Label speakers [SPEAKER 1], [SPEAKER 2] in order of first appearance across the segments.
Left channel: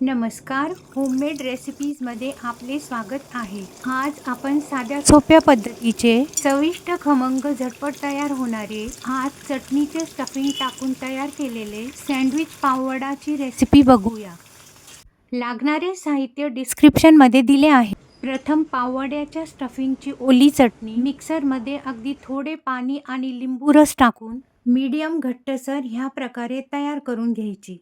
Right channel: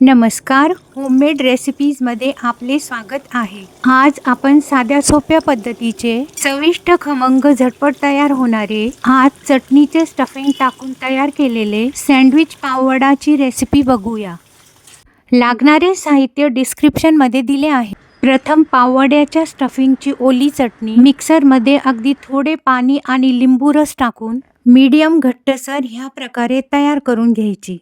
[SPEAKER 1] नमस्कार होममेड रेसिपीजमध्ये आपले स्वागत आहे. आज आपण साध्या सोप्या पद्धतीचे चविष्ट खमंग झटपट तयार होणारे आज चटणीचे स्टफिंग टाकून तयार केलेले सँडविच पाववडाची रेसिपी बघूया. लागणारे साहित्य डिस्क्रिप्शनमध्ये दिले आहे. प्रथम पाववड्याच्या स्टफिंगची ओली चटणी मिक्सरमध्ये अगदी थोडे पाणी आणि लिंबू रस टाकून मीडियम घट्टसर ह्या प्रकारे तयार करून घ्यायची.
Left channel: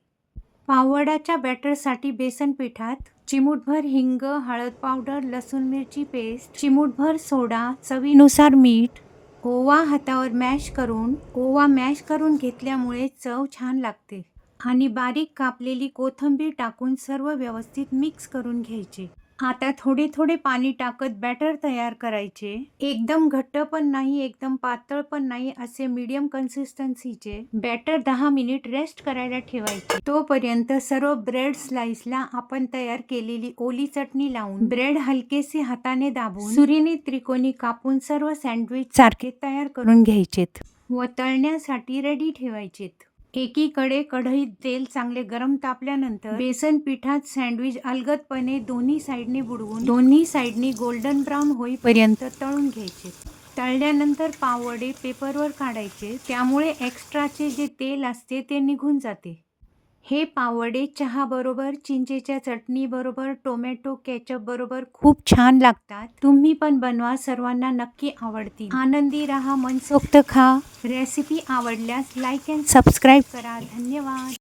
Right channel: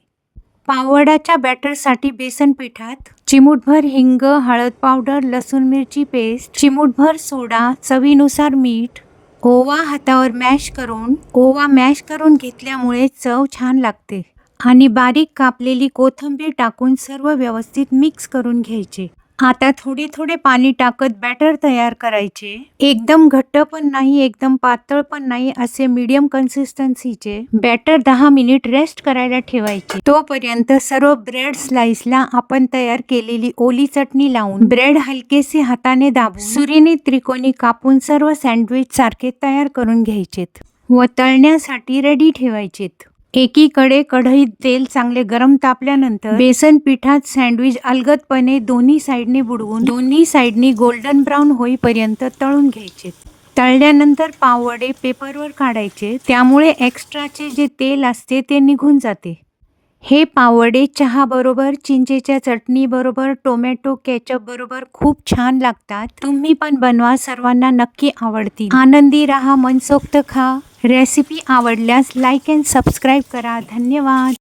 [SPEAKER 1] पावडाच्या बॅटरसाठी बेसन पिठात चिमूटभर हिंग हळद पावडर लसूण मिरची पेस्ट चिमूटभर सोडा चवीनुसार मीठ ओवा हातावर मॅश करून ओवा मॅश करून घेतल्यामुळे चव छान लागते. आणि बारीक कापलेली कोथिंबीर टाकून सर्व व्यवस्थित मिक्स करून घ्यायचे. आता थोडे थोडे पाणी टाकत बॅटर तयार करायचे. एकदम घट्ट पण नाही एकदम पातळ पण नाही असे मीडियम कन्सिस्टन्सीचे बॅटर दहा मिनिट रेस्ट करायला ठेवायचे. तोपर्यंत सर्व ब्रेड स्लाइसला आपण तयार केलेली ओली चटणी लावून ब्रेड हलकेसे हाताने दाबून सुरीने त्रिकोणी कापून सर्व सँडविच सारखे तयार करून घ्यायचेत व तळण्यासाठी रेडी ठेवायचेत. एकीकडे कढईत तेल चांगले गरम तापल्यानंतर बेसन पिठात सँडविच अलगदपणे दोन्ही साईडने बुडवून दोन्ही साईडनी गोल्डन ब्राऊन होईपर्यंत तळून घ्यायचे. तळल्यानंतर पाववडे पेपरवर काढायचे. त्यामुळे एक्स्ट्राचे जे तेल असते ते निघून जाते. हे पाववडे चहाबरोबर चिंचेच्या चटणीबरोबर टोमॅटो केचपबरोबर खूप छान लागतात. तुम्ही पण बनवा सर्वांना नक्की आवडतील. आनंदी राहा मनसोक्त खा. रेसिपी आवडल्यास लाईक अँड सबस्क्राईब करा. धन्यवाद.